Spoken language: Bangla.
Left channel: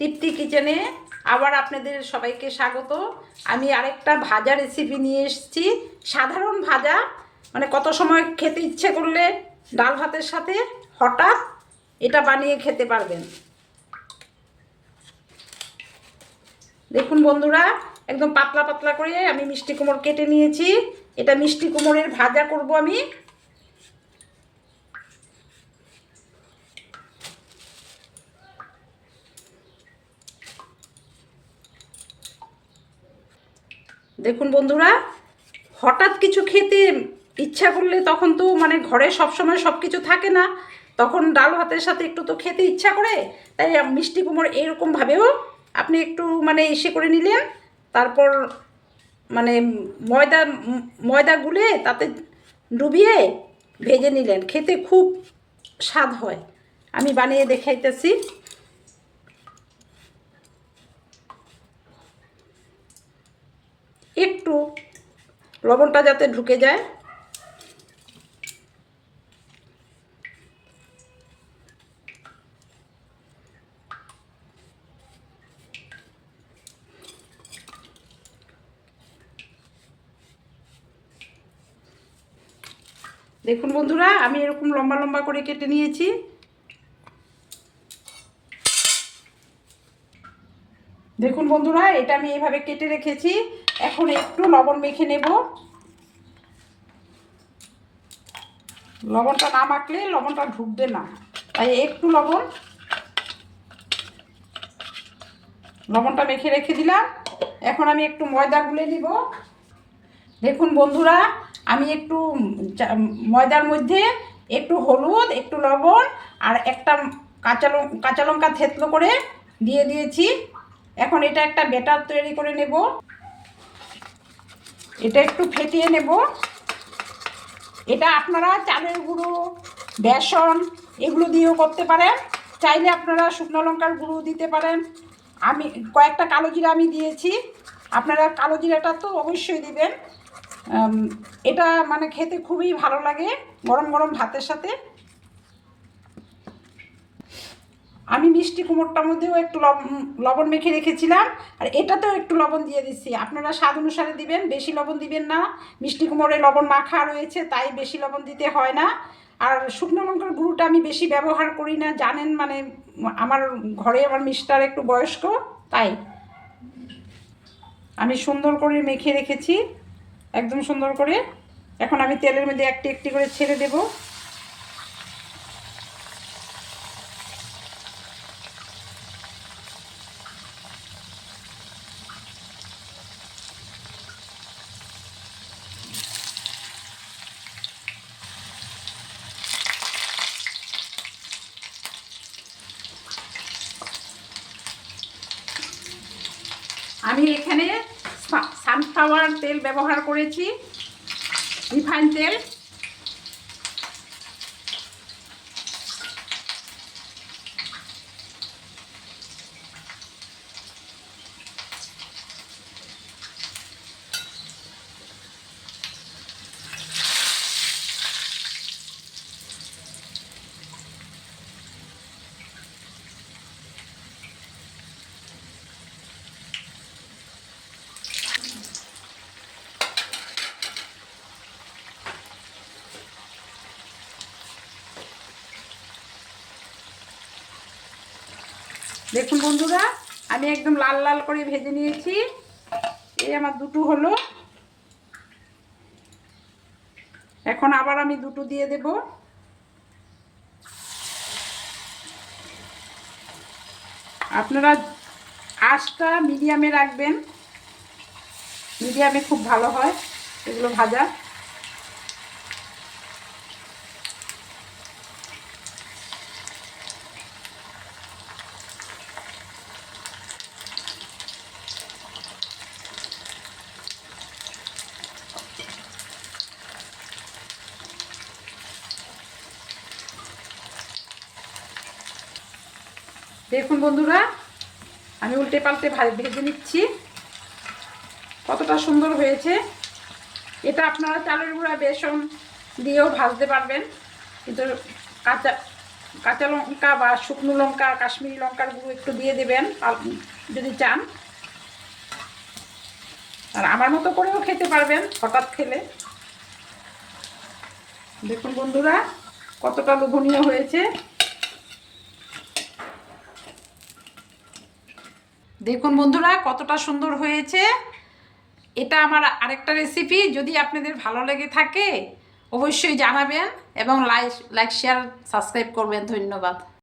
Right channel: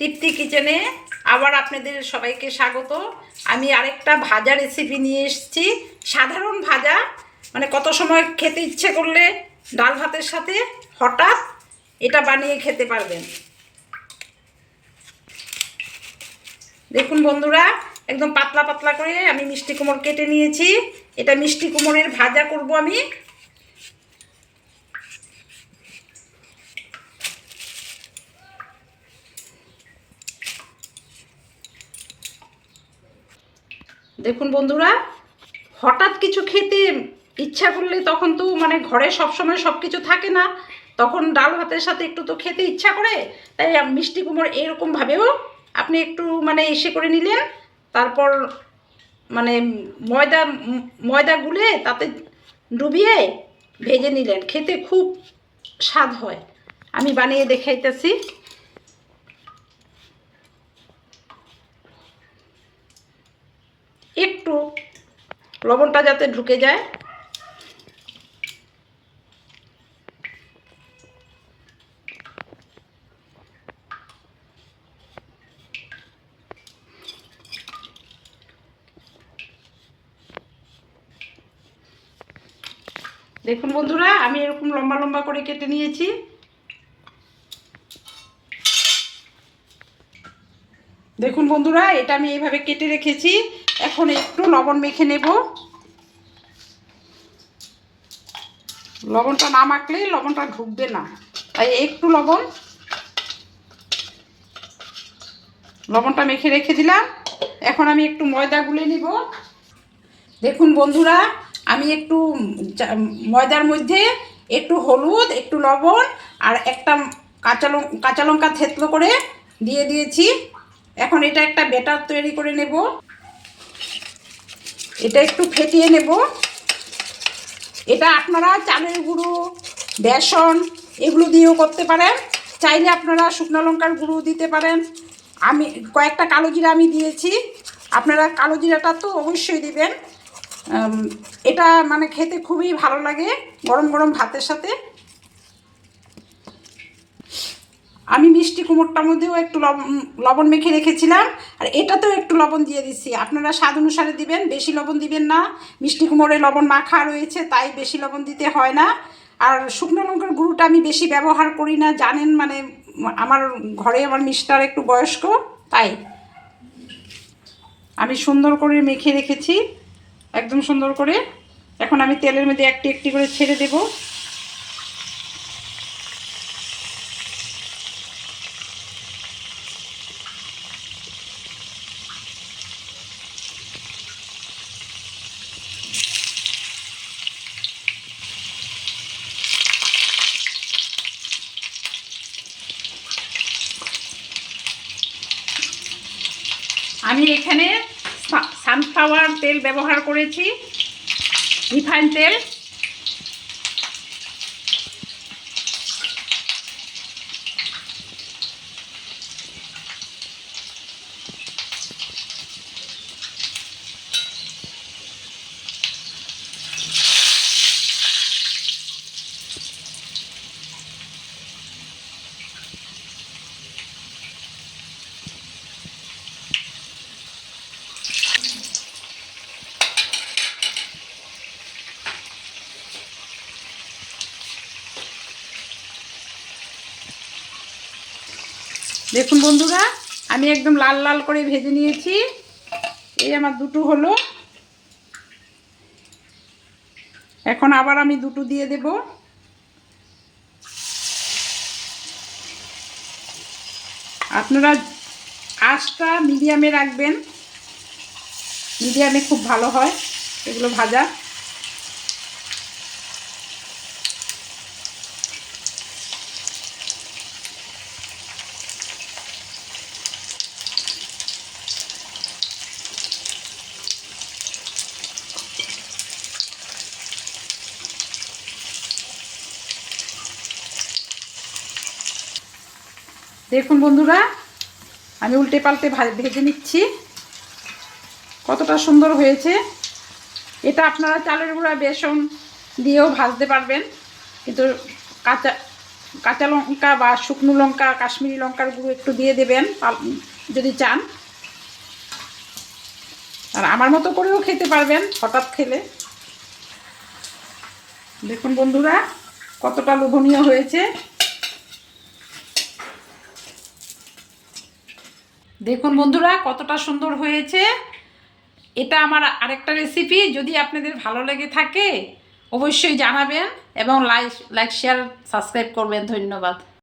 তৃপ্তি কিচেনে আবার আপনাদের সবাইকে স্বাগত। আমি আরেকটা ভাজা রেসিপি নিয়ে এসেছি। সাধারণ ভাজা, মানে কত সময় খেতে ইচ্ছে করলে ডাল ভাতের সাথে হঠাৎ এটা বানিয়ে খেতে পারবেন। দেখুন বন্ধুরা, একদম পাতলা পাতলা করে আমি মিষ্টি কুমড় কেটে নিয়েছি। এটা মিষ্টি কুমড়ের ভাজা করব আমি। দেখুন বন্ধুরা, হঠাৎ কিছু খেতে ইচ্ছা করলে তখন তো মানে ঘরে সবসময় সব কিছু থাকে না, তখন ডাল ভাতের সাথে একটু তো খেতে ইচ্ছা করে। তাই মিষ্টি কুমড় এরকমভাবেও আপনি একটু মানে এসে করে নিলেন, তারপর মানে ময়দা ময়দা গুলে তাতে ডুবিয়ে ভেজে নিলেন, খেতে খুব স্বাদ হয়। আমি বানিয়ে দেখাইতেছি। একটু লবণটা যাতে ঢুকে যায়। দেখুন বন্ধুরা, আমি এরকম লম্বা লম্বা করে কেটে নিয়েছি। দেখুন বন্ধুরা, এটা আমি এইভাবে কেটে রেখেছি। এখন একটু লবণ মেখে নেব। লবণটা না মাখলে লবণটা ঢুকবে না, তাই একটু লবণটা মেখে রেখে দিলাম। এখন আমি একটু ময়দা গুলে নিব। দেখুন বন্ধুরা, আমি একটু ময়দার মধ্যে একটু হলুদ, একটু লবণ আর একটা কাঁচা লঙ্কা থেতলো করে দিয়ে দিয়েছি। এখন এটা একটা ব্যাটার তৈরি করে নেব। এটা একটু ফেটিয়ে নেব। এটা আপনারা চালের গুঁড়ো, বেসন এগুলো দিয়েও করতে পারেন, চাইলে আপনারা শুকনো লঙ্কার গুঁড়ো দিতে পারেন। আমি কয়েকটা কালো জিরা আমি দিয়েছি, আপনারা কালো জিরাটা তো অবশ্যই দিবেন। এটা মানে খেতে খুবই ভালো লাগে গরম গরম ভাতের সাথে। আমি মিষ্টি কুমড়টার মধ্যেও একটু লবণ মেখে রেখেছিলাম, আর এটাতেও একটু লবণ দিয়ে দিচ্ছি। আপনারা স্বাদ অনুসারে দিবেন, বেশি লবণ দিবেন না। মিষ্টি কুমড়ে লবণ মাখা রয়েছে, তাই বেশি লবণ দিতে হয় না। আর শুকনো লঙ্কার গুঁড়োটা আমি বেশি ব্যবহার করি না, জানেন, মানে আমার ঘরে আমার মিস্টার একটু বয়স্ক, তাই আমি সুন্দর করে মেখে রেখেছি, একদম সুন্দর করে। এখন আমি তেলের মধ্যে একটি একটি করে ছেড়ে দেব। আমি এখানে সানফ্লাওয়ার তেল ব্যবহার করেছি, রিফাইন তেল। দেখুন বন্ধুরা, আমি একদম লাল লাল করে ভেজে নিয়েছি। এই আমার দুটো হলো, এখন আবার আমি দুটো দিয়ে দেব। আপনারা আঁচটা মিডিয়ামে রাখবেন, মিডিয়ামে খুব ভালো হয় এগুলো ভাজা। দেখুন বন্ধুরা, আমি উল্টে পাল্টে ভেজে নিচ্ছি। কতটা সুন্দর হয়েছে। এটা আপনারা চালের গুঁড়া, বেসন দিয়েও ভাজতে পারবেন, কিন্তু কাঁচা কাঁচা লঙ্কা বা শুকনো লঙ্কা, কাশ্মীরি লঙ্কার গুঁড়ো একটু দিয়ে দেবেন যদি চান। আর আমার মতো করেও খেতে পারবেন হঠাৎ খেলে। দেখুন বন্ধুরা কতটা লোভনীয় হয়েছে। দেখুন বন্ধুরা কতটা সুন্দর হয়েছে। এটা আমার আরেকটা রেসিপি, যদি আপনাদের ভালো লেগে থাকে অবশ্যই জানাবেন এবং লাইক শেয়ার সাবস্ক্রাইব করবেন। ধন্যবাদ।